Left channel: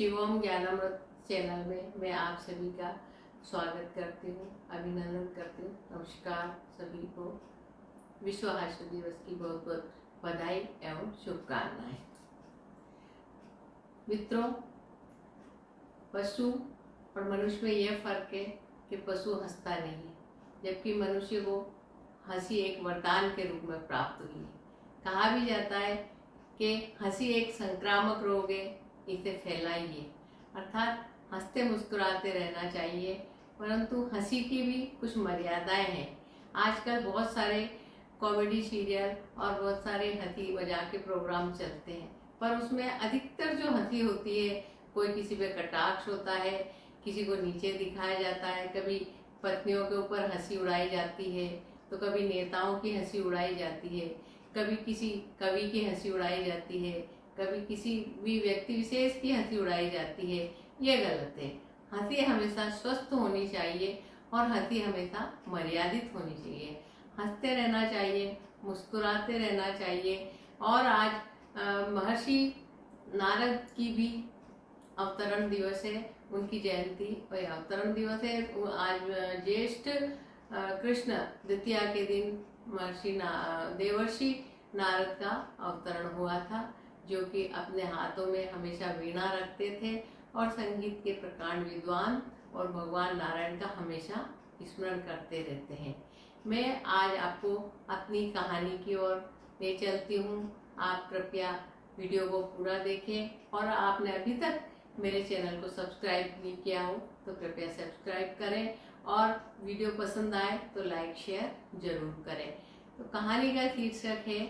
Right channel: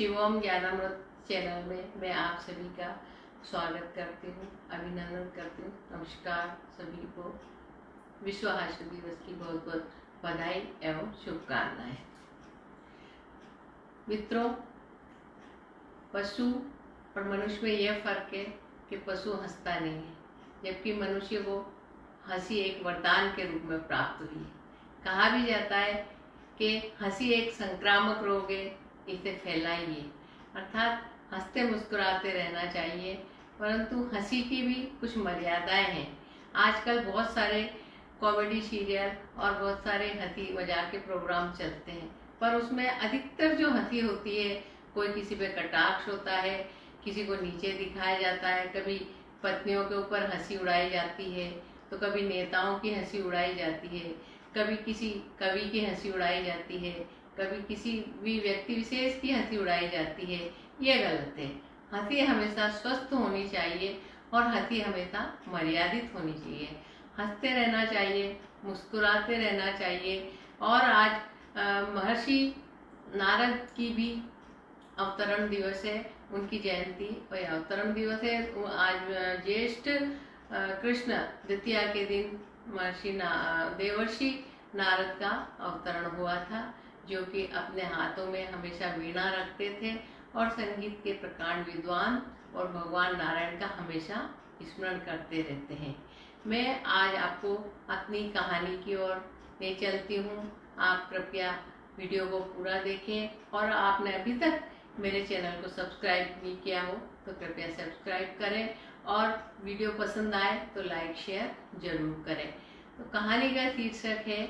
Shivom ज्ञानामृत channel में मैं आप सभी का स्वागत करती हूँ, अभिनंदन करती हूँ। नमस्कार सभी को, विश्व हास्य दिवस की बहुत बहुत बधाई एवं शुभकामनाएं। मित्रों, पशु और मनुष्य में यह फर्क है कि पशु हंसता नहीं है, जबकि मनुष्य को हंसी एक वरदान के रूप में प्राप्त हुई है। कहा भी जाता है कि हंसी एक संक्रामक रोग है, इसे फैलाइए। अर्थात हंसते मुस्कुराते रहना चाहिए, परंतु हंसी की भी कुछ मर्यादाएं हैं। आजकल बहुत सारे कॉमेडी सीरियल और बहुत सारे हंसी मजाक के प्रोग्राम चलते हैं, पर उसमें अधिकतर जो हंसी होती है, कोई किसी पे कटाक्ष होता है, किसी को नीचे दिखाया जाता है, कभी पत्नियों के ऊपर हंसी उड़ाई जाती है, तो कभी नेताओं की हंसी उड़ाई जाती है, कभी किसी कवि की हंसी उड़ाई जाती है, कभी किसी भी व्यक्ति विशेष की हंसी उड़ाई जाती है। यह गलत है। हंसी हमेशा स्वस्थ होनी चाहिए और हंसी हमेशा मर्यादित होनी चाहिए। हंसते रहना चाहिए, मुस्कुराते रहना चाहिए। और आज महर्षि नारद की भी अवतरण दिवस है, उनकी जयंती और अवतरण दिवस है। आज ज्येष्ठ कृष्ण द्वितीया के दिन महर्षि देवर्षि नारद का अवतरण हुआ था, जो कि अपने हाथों में हमेशा वीणा रखते थे और संगीत के प्रकांड विद्वान और भगवान नारायण का हमेशा स्मरण करते रहते हैं। मैं आज आपको अपनी कहानी की ओर ले चलती हूँ। आप कृपया वीडियो को पूरा देखें और आपने अभी तक मेरे चैनल को सब्सक्राइब नहीं किया हो तो कृपया सब्सक्राइब करें और वीडियो पसंद आए तो लाइक शेयर जरूर करें। तो कहानी का शीर्षक है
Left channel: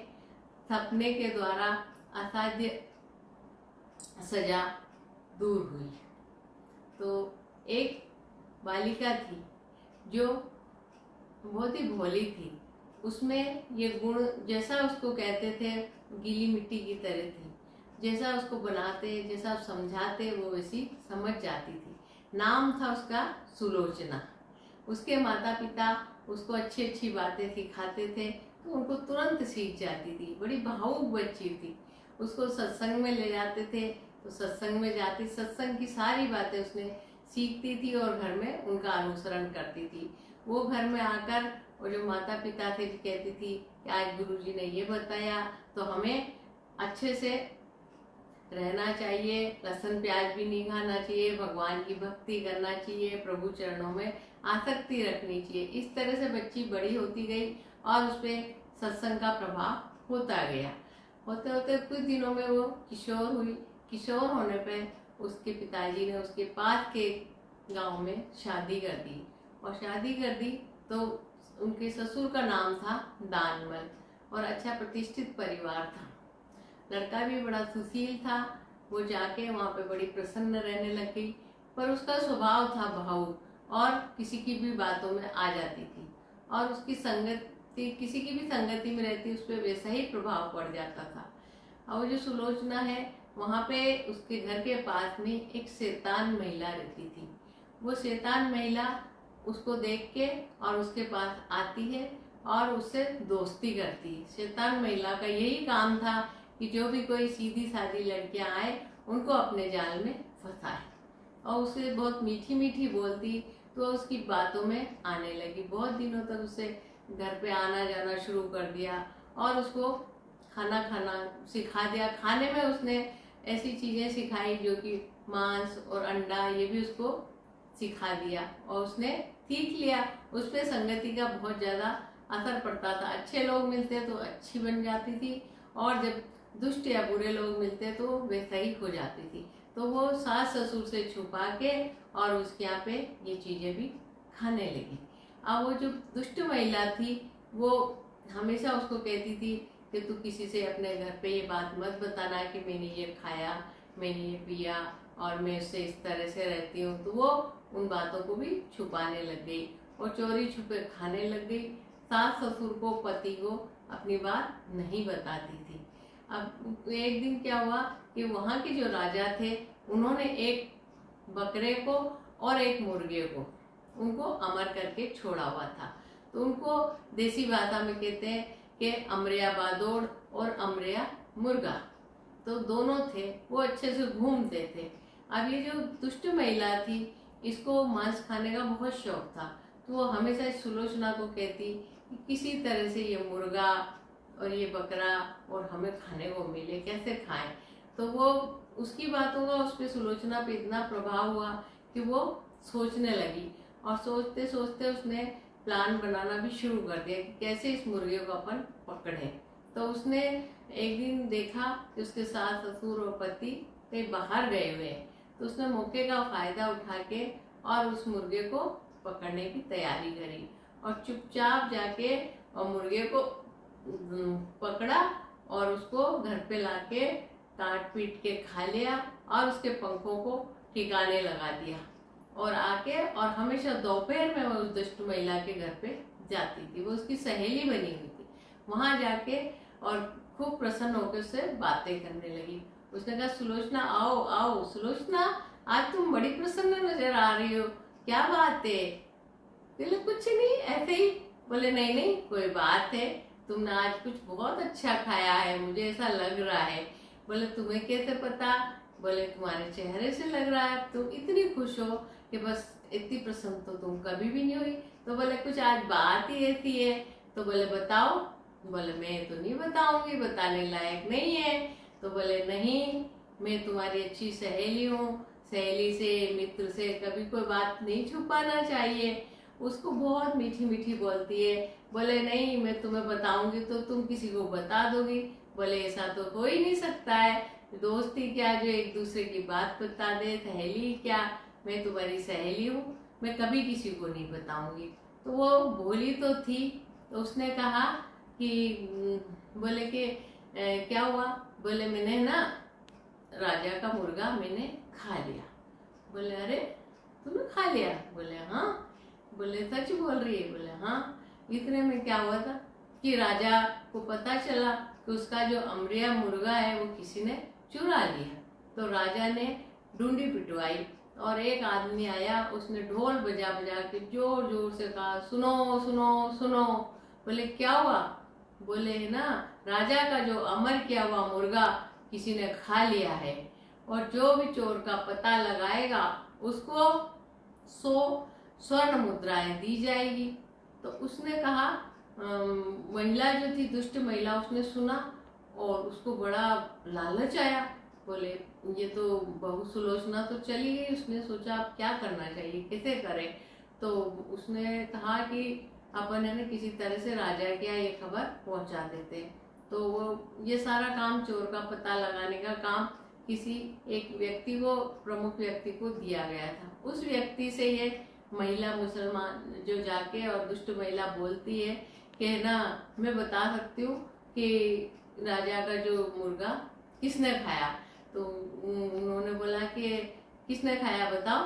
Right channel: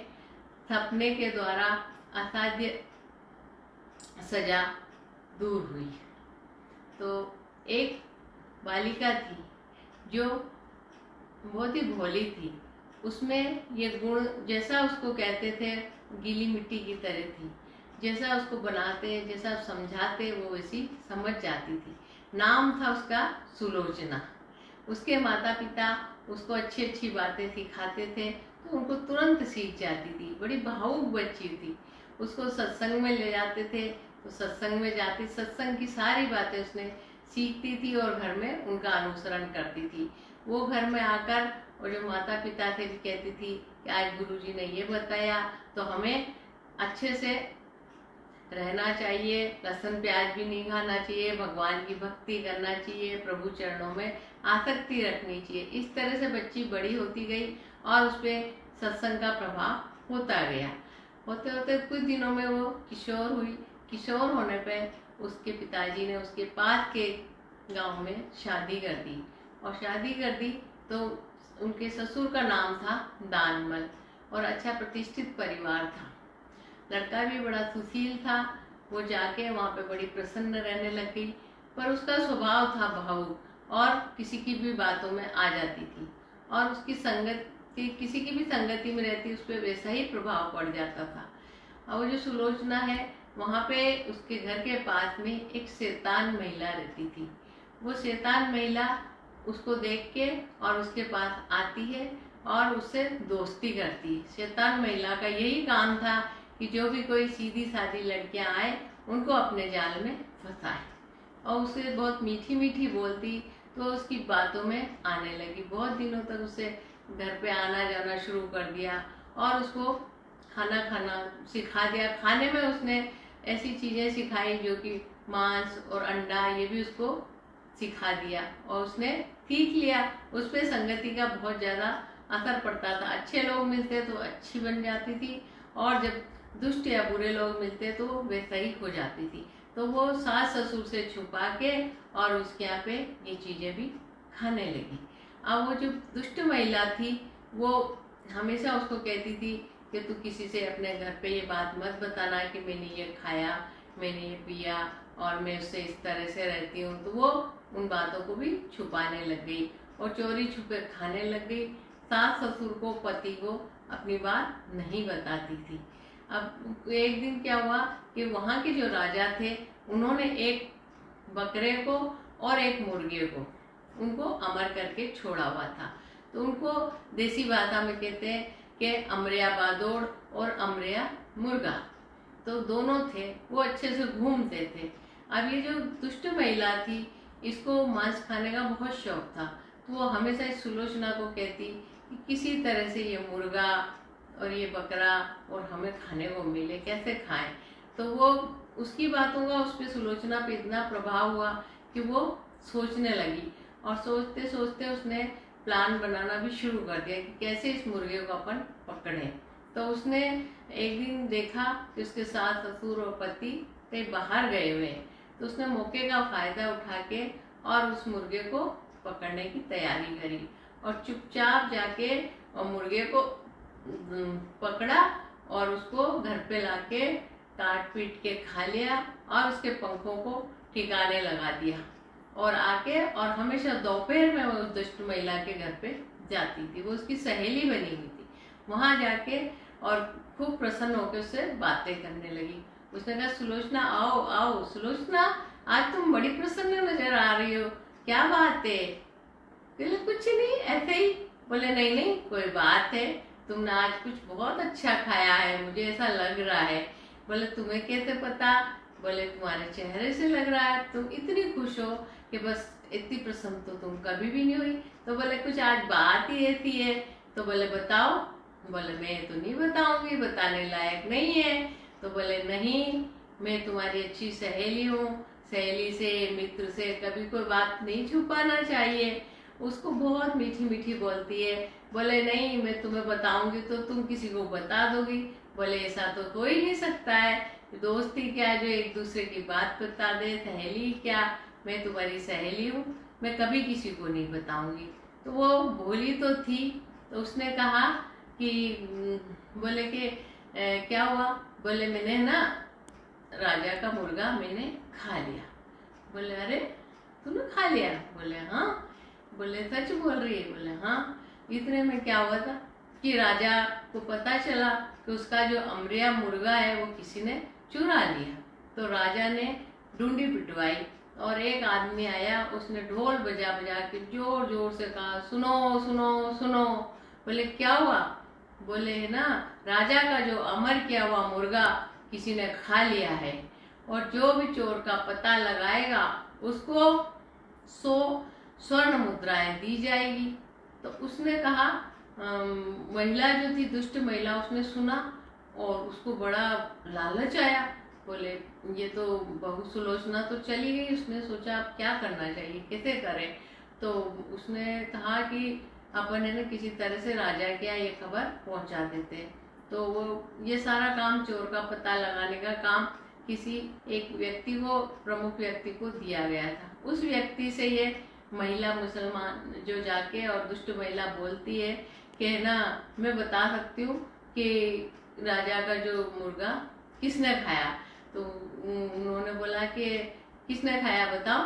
सपने के द्वारा असाध्य सजा दूर हुई। तो एक बालिका थी जो बहुत ही भोली थी। उसमें ये गुण, जैसा उसको कहते थे, गीली मिट्टी की तरह थी। जैसा उसको बनाते, जैसा समझाते, वो वैसी समझ जाती थी। नाम था उसका सुलोचना। उसके माता पिता उसको अच्छी अच्छी बातें सिखाते थे तो उनको तुरंत सीख जाती थी। बड़ी भावुक बच्ची थी। उसको सत्संग में ले जाते थे तो सत्संग में जाती, सत्संग की सारी बातें उसने सीखती थी और घर में उनका अनुसरण करती थी। वो घर में आकर और जो माता पिता थे भी कहती थी कि आज गुरुजी ने ये बताया तो हमें अच्छे से रहना चाहिए, लहसुन प्याज भी नहीं खाना चाहिए, भगवान की भक्ति करना चाहिए, प्रभु चरणों में आसक्ति रखनी चाहिए। इस तरह से बच्ची बड़ी होती गई और उस पर सत्संग का प्रभाव होता गया। होते होते कुछ दिनों में वो किशोर हुई। किशोर होने पर उसके पिताजी ने उसके पास के गांव में शादी कर दी और शादी कर दी तो उनके ससुर का नाम था दानमल और अच्छा प्रतिष्ठित परिवार था। लड़का भी बड़ा सुशील था। वो जाके वहाँ पे बड़ी प्रसन्न रहने लग गई, पर उसका स्वभाव था भावुक और किसी की भी बातों में आ जाती थी और उसकी संगति, किसी की भी संगति में रहती उस पर वैसा ही प्रभाव पड़ जाता था। और जो सुलोचना है, वहाँ पे उसके घर के पास में एक शैतान महिला रहती थी। वो शैतान महिला उसको देख के और उसके पास आती है और उससे दोस्ती करती है। शैतान महिला का यही काम था कि जो भी कोई सीधी सादी लड़कियां आए उनको अपने जाल में फंसाए और उसे बहुत मीठी मीठी बोलती तो उसकी बातों में आने लगी। बहुत दिनों तक उसे घर पे आना जाना शुरू कर दिया और उसको खाना खाना सिखा दिया। खाने में उसने ऐसी चीजें सिखाई जो कि मांस और अंडा, ये भी उसको सिखा दिया और उसने सीख लिया। उस पर संगति का बहुत ज्यादा असर पड़ता था। अच्छे लोग मिलते तो अच्छी बन जाती थी और जब दुष्ट या बुरे लोग मिलते तो वे सही हो जाती थी। तो वो सास ससुर से छुपा के और उसके यहाँ पे ये चीजें भी खाने लगी। अब वो जो दुष्ट महिला थी वो हमेशा उसको कहती थी कि तू किसी से अपने घर पे ये बात मत बताना कि मैंने ये खाया, मैंने ये पिया और मैं उससे इस तरह से रहती हूँ। तो वो उन बातों को भी छुपाने लग गई और चोरी छुपे खाने लग गई। सास ससुर को, पति को अपनी बात नहीं बताती थी। अब एक दिन क्या हुआ कि वहाँ के जो राजा थे उन्होंने एक बकरे को और एक मुर्गे को उनको अमर करके छोड़ा हुआ था। तो उनको देसी भाषा में कहते हैं कि अमरिया बादोड़ और अमरिया मुर्गा। तो दोनों थे, वो अच्छे से घूमते थे। अब ये जो दुष्ट महिला थी, इसको मांस खाने का बहुत शौक था, तो वो हमेशा इस सुलोचना को कहती कि किसी तरह से ये मुर्गा और ये बकरा और हमें खाने को मिले, कैसे खाएं। तो वो उसकी बातों का उस पर सुलोचना पे इतना प्रभाव हुआ कि वो सोचने लगी, और सोचते सोचते उसने प्लान बनाना भी शुरू कर दिया कि कैसे इस मुर्गे को अपन पकड़ें। तो उसने एक दिन देखा कि उसके सास ससुर और पति कहीं बाहर गए हुए हैं, तो उसने मौके का फायदा उठा के और उस मुर्गे को पकड़ने की तैयारी करी, और चुपचाप जाके और मुर्गे को पकड़ा और उसको घर पे लाके काट पीट के खा लिया और उसके पंखों को ठिकाने लगा दिया। और आके और हमेशा दोपहर में वो उस दुष्ट महिला के घर पे जाती थी, वो उसकी सहेली बनी हुई थी। वहां जाके और खूब प्रसन्न होकर उससे बातें करने लगी। उसने कहा, सुलोचना आओ आओ सुलोचना, आज तुम बड़ी प्रसन्न नजर आ रही हो, क्या बात है? बोले कुछ नहीं, ऐसे ही। बोले नहीं नहीं कोई बात है, तुमने आज कुछ बहुत अच्छा खाया है, मुझे ऐसा लग रहा है। बोले तुम्हें कैसे पता? बोले तुम्हारे चेहरे से लग रहा है, तुम इतनी खुश हो कि बस इतनी प्रसन्न तो तुम कभी भी नहीं हुई। तो बोले कुछ आज बात ही ऐसी है। तो बोले बताओ। बोले मैं तो नहीं बताऊंगी, बताने लायक नहीं है। तो बोले नहीं, मैं तुम्हारी अच्छी सहेली हूँ, सहेली से मित्र से कभी कोई बात नहीं छुपाना चाहिए। उसको बहुत मीठी मीठी बोलती है। बोले नहीं, मैं तुम्हें बताऊंगी तो तुम किसी को बता दोगी। बोले ऐसा तो हो ही नहीं सकता है, दोस्ती क्या जो एक दूसरे की बात बता दे, सहेली क्या, मैं तुम्हारी सहेली हूँ, मैं कभी किसी को नहीं बताऊंगी। तो वो बोली तो थी। तो उसने कहा कि बोले कि क्या हुआ? बोले मैंने ना राजा का मुर्गा मैंने खा लिया। बोले अरे तूने खा लिया? बोले हाँ। बोले सच बोल रही है? बोले हाँ। इतने में क्या हुआ था कि राजा को पता चला कि उसका जो अमरिया मुर्गा है वो किसी ने चुरा लिया। तो राजा ने ढूंढी पिटवाई और एक आदमी आया, उसने ढोल बजा बजा के जोर जोर से कहा, सुनो सुनो सुनो। बोले क्या हुआ? बोले ना राजा का जो अमर किया हुआ मुर्गा किसी ने खा लिया है, और जो भी चोर का पता लगाएगा उसको 100 स्वर्ण मुद्राएं दी जाएगी। तो उसने कहा, महिला जो थी दुष्ट महिला, उसने सुना और उसको बड़ा लालच आया। बोले ये तो बहु सुलोचना तो चली गई, उसने सोचा अब क्या करना चाहिए, कैसे करें। तो उसने कहा कि अपन है ना किसी तरह से राजा के यहाँ ये खबर पहुंचा देते हैं। तो वो ये सारा काम, चोर का पता लगाने का काम किसी एक व्यक्ति को, प्रमुख व्यक्ति को दिया गया था। उस व्यक्ति से ये महिला मुसलमान जो जाके और दुष्ट महिला बोलती है कि ना मैं बता सकती हूँ कि राजा का जो मुर्गा किसने खाया। तो उन्होंने बोला कि किसने खाया बताओ।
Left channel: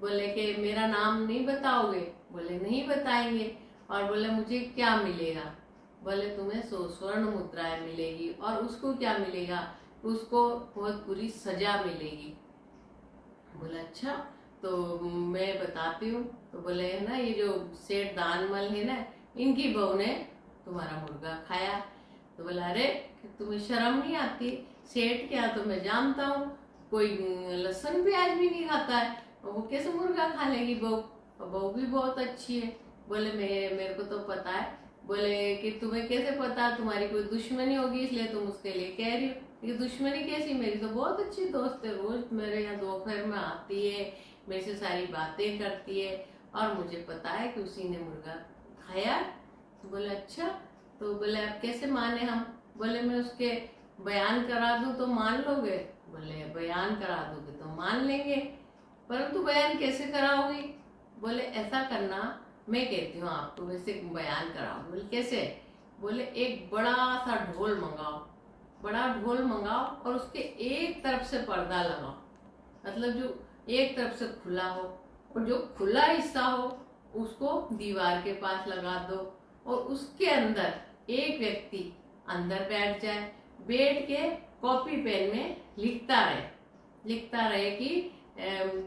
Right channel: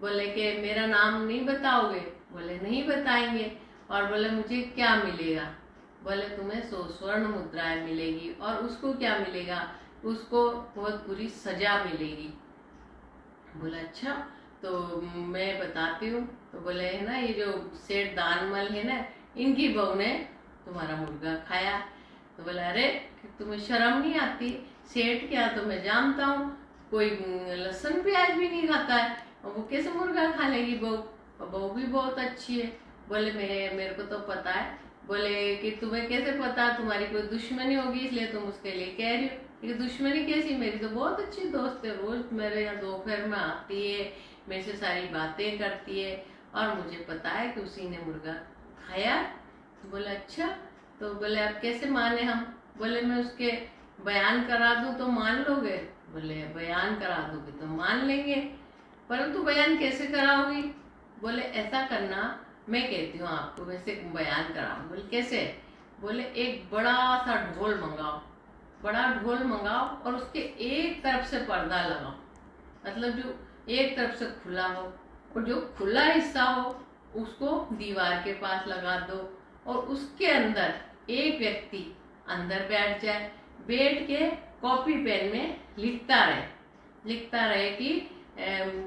बोले कि मेरा नाम नहीं बताओगे? बोले नहीं बताएंगे। और बोले मुझे क्या मिलेगा? बोले तुम्हें 100 स्वर्ण मुद्राएं मिलेगी। और उसको क्या मिलेगा? उसको बहुत बुरी सजा मिलेगी। बोला अच्छा तो मैं बताती हूँ। तो बोले है ना ये जो सेठ दानमल है ना, इनकी बहू ने तुम्हारा मुर्गा खाया। तो बोला अरे तुम्हें शर्म नहीं आती? सेठ क्या तो मैं जानता हूँ, कोई लहसुन प्याज भी नहीं खाता है, और वो कैसे मुर्गा खा लेगी बहू? और बहू भी बहुत अच्छी है। बोले मेरे को तो पता है। बोले कि तुम्हें कैसे पता? तुम्हारी कोई दुश्मनी होगी इसलिए तुम उसके लिए कह रही हो। कि दुश्मनी कैसी? मेरी तो बहुत अच्छी दोस्त है, रोज मेरे यहाँ दोपहर में आती है, मेरे से सारी बातें करती है, और मुझे पता है कि उसी ने मुर्गा खाया। बोले अच्छा। तो बोले अब कैसे माने हम? बोले मैं उसके बयान करा दूं तो मान लोगे? बोले बयान करा दोगे तो मान लेंगे, परंतु बयान कैसे कराओगी? बोले ऐसा करना, मैं कहती हूँ आपको वैसे बयान कराओ। बोले कैसे? बोले एक बड़ा सा ढोल मंगाओ, बड़ा ढोल मंगाओ, और उसके एक तरफ से पर्दा लगाओ, मतलब जो एक तरफ से खुला हो, और जो खुला हिस्सा हो उसको दीवार के पास लगा दो, और उसके अंदर एक व्यक्ति अंदर बैठ जाए, बैठ के कॉपी पेन में लिखता रहे कि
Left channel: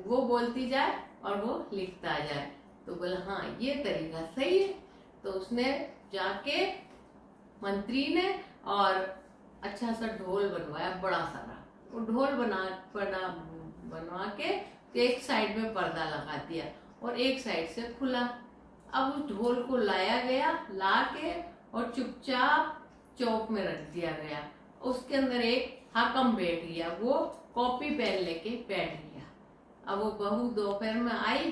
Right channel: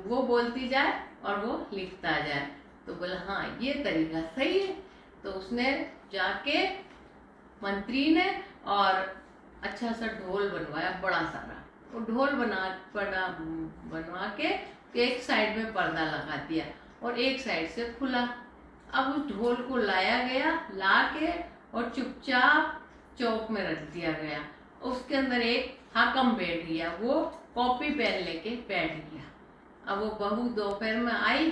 वो बोलती जाए और वो लिखता जाए। तो बोला हाँ ये तरीका सही है। तो उसने जाके मंत्री ने और अच्छा सा ढोल बनवाया, बड़ा सारा, वो ढोल बनवा के एक साइड में पर्दा लगा दिया और एक साइड से खुला। अब उस ढोल को लाया गया, ला के और चुपचाप चौक में रख दिया गया। उसके अंदर एक हाकम बैठ गया, वो कॉपी पेन लेके बैठ गया। अब वो बहू दोपहर में आई,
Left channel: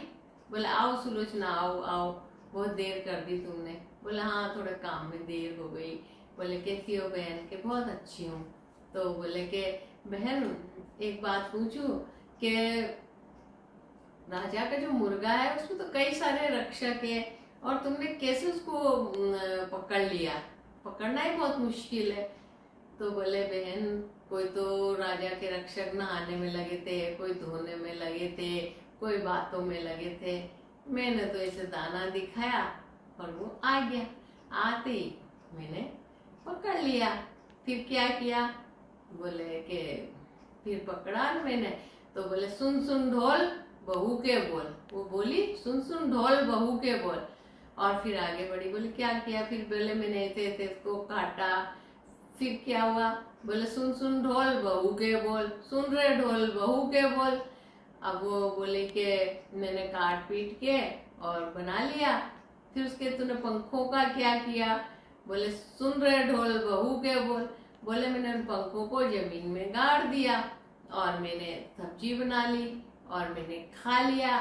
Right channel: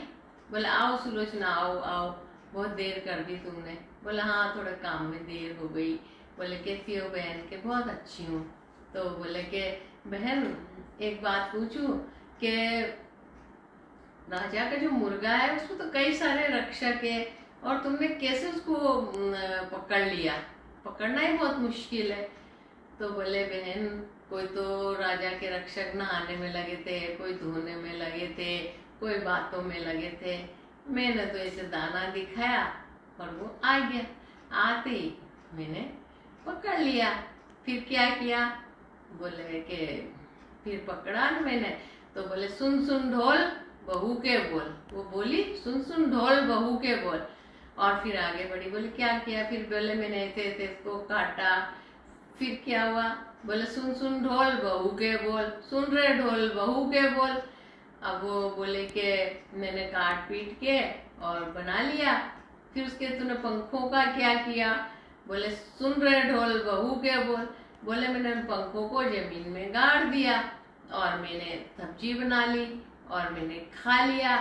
बोले आओ सुलोचना, आओ आओ, बहुत देर कर दी तुमने। बोले हाँ थोड़े काम में देर हो गई। बोले कैसी हो बहन? के बहुत अच्छी हूँ। तो बोले के बहन एक बात पूछूं कि राजा का जो मुर्गा है उसमें तो कई सारे रक्षक है और तुमने कैसे उसको पकड़ लिया? पकड़ना ही बहुत मुश्किल है। तो बोले बहन कोई तो राजा के रक्षक नहाने में लगे थे, कोई धोने में लगे थे, कोई बातों में लगे थे। मैंने तो ऐसे दाना दिखाया और वो आ गया। आते ही मैंने पकड़ लिया। फिर क्या किया? बोले कि फिर पकड़ा न मैंने। तो बोले सुन सुन ढोल बहू के बोल। वो बोली सुन सुन ढोल बहू के बोल। और फिर आगे बढ़ी। बोले क्या किया? फिर बोले मैंने ऐसे ऐसे इसको काटा। फिर क्या हुआ? बोले सुन सुन ढोल बहू के बोल। सुन रहे ढोल बहू के बोल। अब वो बोले कि मैंने काट पीट के और बना लिया। फिर उसके तूने पंखों का क्या किया? बोले सुन रहे ढोल बहू के बोल। बोले मैंने उन पंखों को जमीन में गाड़ दिया और मैंने सब्जी बना ली और मैंने खा लिया।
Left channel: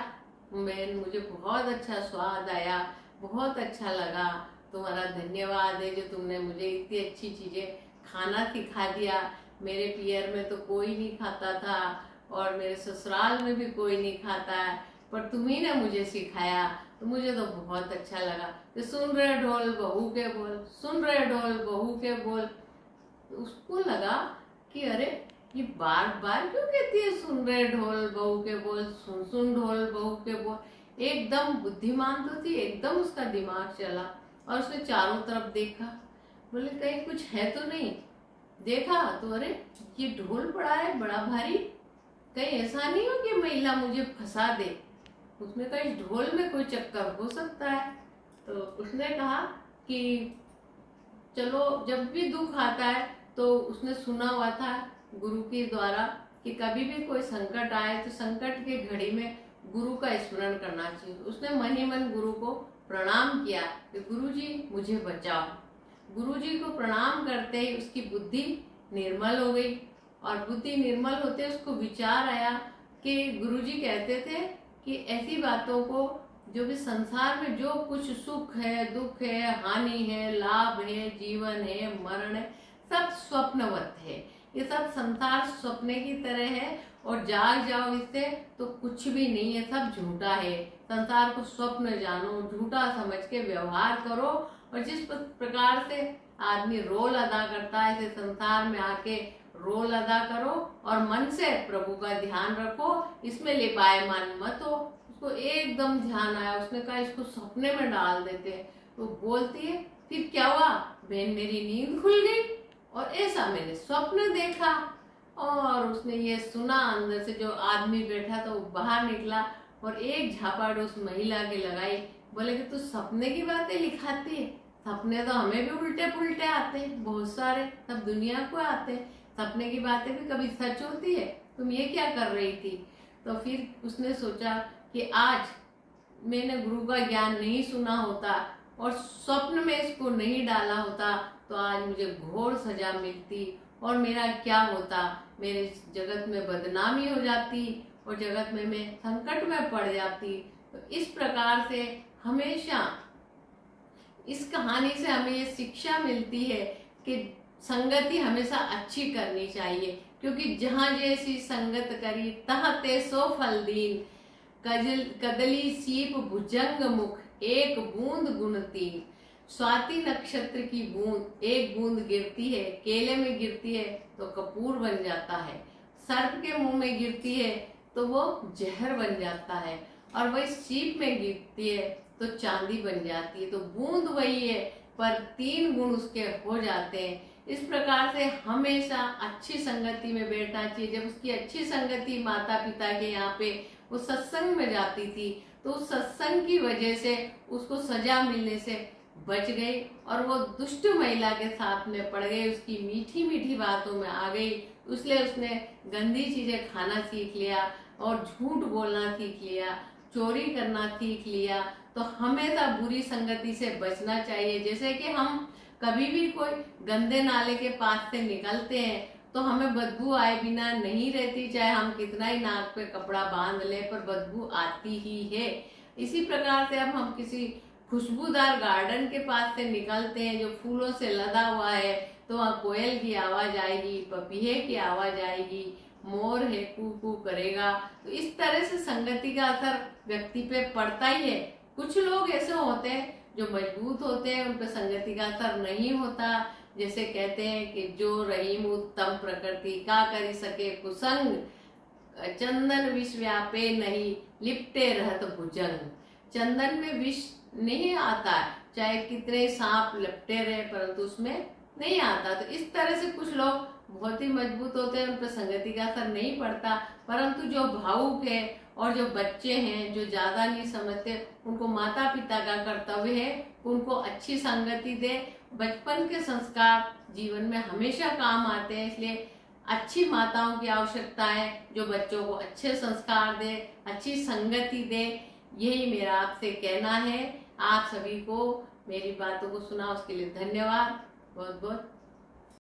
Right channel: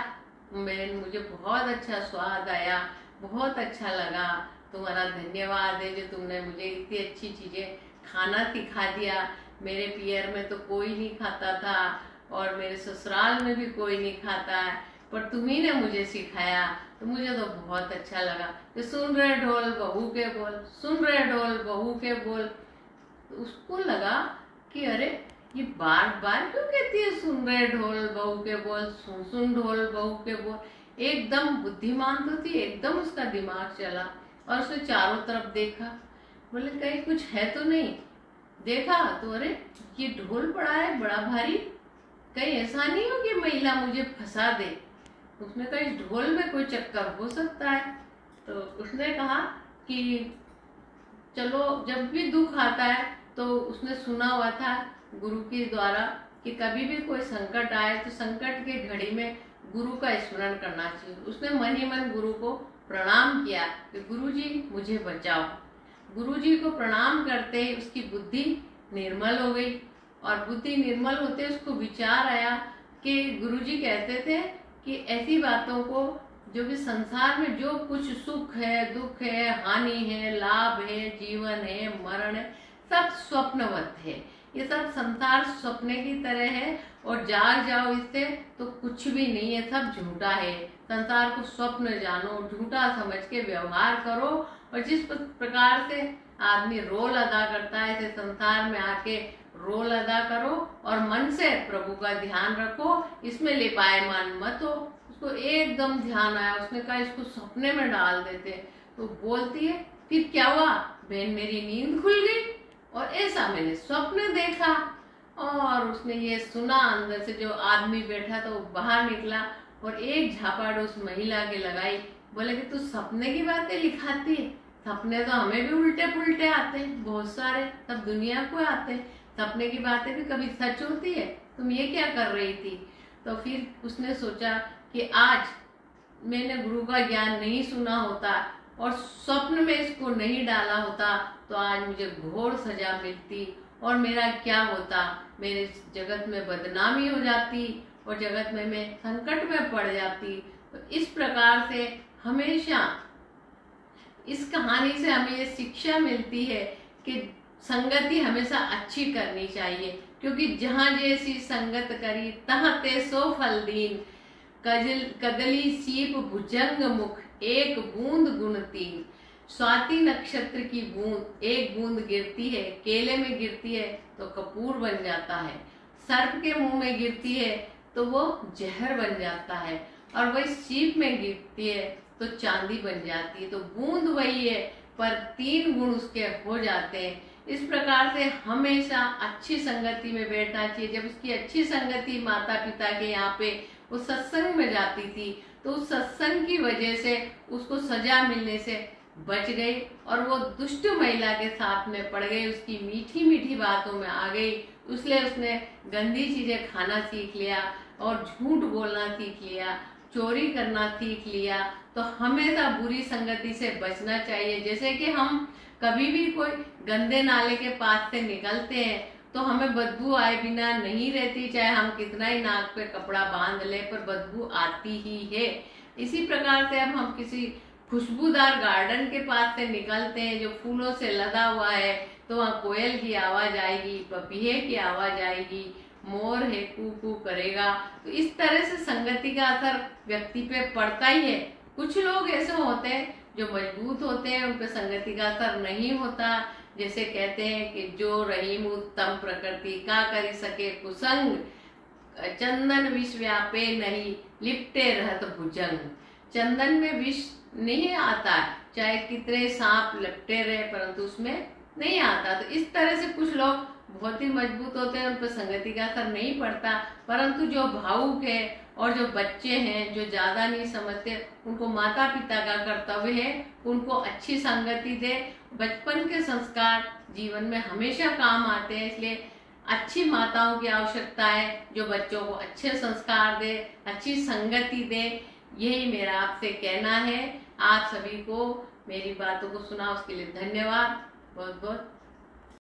मुझे बहुत अच्छा स्वाद आया, बहुत अच्छा लगा। तुम्हारा धन्यवाद है जो तुमने मुझे इतनी अच्छी चीजें खाना सिखा दिया। मेरे पियर में तो कोई नहीं खाता था और मेरे ससुराल में भी कोई नहीं खाता है, पर तुम्ही ने मुझे सिखाया तो मुझे तो बहुत अच्छा लगा। तो सुन रहे ढोल बहू के बोल, सुन रहे ढोल बहू के बोल। तो उसको लगा कि अरे ये बार बार क्यों कहती है सुन रहे ढोल बहू के बोल, सुन सुन ढोल बहू के बोल। एकदम बुद्धिमान तो थी, एकदम उसका दिमाग चला और उसने चारों तरफ देखा। बोले कहीं कुछ है तो नहीं। देखा तो अरे ये ढोल पड़ा है बड़ा भारी, कहीं ऐसा नहीं हो कि महिला मुझे फंसा दे। उसने कहा इस ढोल में कोई चक्कर हो सकता है। तो उसने कहा कि चलो जब भी दुख आता है, तो उसने सुना हुआ था गुरु के द्वारा कि कभी भी कोई संकट आए तो संकट के घड़ी में गुरु का स्मरण करना चाहिए। उसने मन ही मन गुरु को प्रणाम किया कि गुरु जी मुझे बचाओ। गुरु जी को प्रणाम करते ही उसकी बुद्धि निर्मल हो गई और बुद्धि निर्मल होते उसको विचार आया कि गुरु जी कहते थे कि ऐसी बातों को जो भी संसार में जो कुछ सुख है, दुख है, हानि है, लाभ है, जीवन है, मरण है, सब स्वप्नवत है। ये सब संसार सपने की तरह है और जाग जाओ इससे तो कुछ भी नहीं है, सब झूठा है। संसार को स्वप्न जानो, झूठा समझ के व्यवहार करो और जिस प्रकार से आदमी रोल अदा करता है ऐसे संसार में आके रोल अदा करो और मन से प्रभु का ध्यान रखो, इसमें लिपायमान मत हो। उसको एकदम ध्यान आया, उसने कहा इसको सपने में डाल देते। तो बोलती है फिर क्या हुआ बहन, मेरी नींद खुल गई और ऐसा मैंने स्वप्न देखा। और उसने ये सुना, अंदर से जो आदमी बैठा था वो बाहर निकला और एक झापड़ उस महिला के लगाई। बोले कि तू सपने की बातें लिखाती है, सपने तो हमें भी उल्टे पुल्टे आते हैं, बहुत सारे, सब दुनिया को आते हैं, सपने की बातें भी कभी सच होती है, तुम ये क्या कर रही थी? तो फिर उसने सोचा कि आज मैंने गुरु का ज्ञान नहीं सुना होता और स्वप्न में इसको नहीं डाला होता तो आज मुझे घोर सजा मिलती और मेरा क्या होता, मेरे जगत में बदनामी हो जाती और जगत में मैं संकट में पड़ जाती। तो इस प्रकार से हमेशा इस कहानी से हमें ये शिक्षा मिलती है कि संगति हमेशा अच्छी करनी चाहिए, क्योंकि जहाँ जैसी संगत करी तहाँ ते सो फल दीन। कदली सीप भुजंग मुख एक बूंद गुण तीन। स्वाति नक्षत्र की बूंद एक बूंद गिरती है, केले में गिरती है तो कपूर बन जाता है, सर्प के मुंह में गिरती है तो वो जहर बन जाता है, और वही सीप में गिरती है तो चांदी बन जाती है। तो बूंद वही है पर तीन गुण उसके हो जाते हैं। इस प्रकार से हमेशा अच्छी संगति में बैठना चाहिए। जब उसकी अच्छी संगति माता पिता के यहाँ पे वो सत्संग में जाती थी तो उस सत्संग की वजह से उसको सजा मिलने से बच गई और वो दुष्ट महिला के साथ में पड़ गई, उसकी मीठी मीठी बातों में आ गई इसलिए उसने गंदी चीजें खाना सीख लिया और झूठ बोलना सीख लिया, चोरी करना सीख लिया। तो हमेशा बुरी संगति से बचना चाहिए। जैसे कि हम कभी भी कोई गंदे नाले के पास से निकलते हैं तो हमें बदबू आए बिना नहीं रहती, चाहे हम कितना ही नाक पे कपड़ा बांध ले पर बदबू आती ही है। इसी प्रकार से अब हम किसी खुशबूदार गार्डन के पास से निकलते हैं जो फूलों से लदा हुआ है, तो वहाँ कोयल की आवाज आएगी, पपीहे की आवाज आएगी, मोर है कू कू करेगा। तो इस तरह से संगति का असर व्यक्ति पे पड़ता ही है। कुछ लोग ऐसे होते हैं जो मजबूत होते हैं, उन पे संगति का असर नहीं होता। जैसे कहते हैं कि जो रहीम उत्तम प्रकृति का करी सके कुसंग, चंदन विष व्यापे नहीं लिपटे रहत भुजंग। चंदन में विष नहीं आता, चाहे कितने सांप लिपटे रहे परंतु उसमें नहीं आता। तो इस तरह से कुछ लोग बहुत ही मजबूत होते हैं, उन पर संगति का असर नहीं पड़ता। परंतु जो भावुक है और जो बच्चे हैं जो ज्यादा नहीं समझते, उनको माता पिता का कर्तव्य है उनको अच्छी संगति दे। बचपन के संस्कार जीवन में हमेशा काम आते हैं, इसलिए अच्छी माताओं की आवश्यकता है जो बच्चों को अच्छे संस्कार दे, अच्छी संगति दे। यही मेरा आपसे कहना है। आप सभी को मेरी बातों को सुना उसके लिए धन्यवाद, बहुत बहुत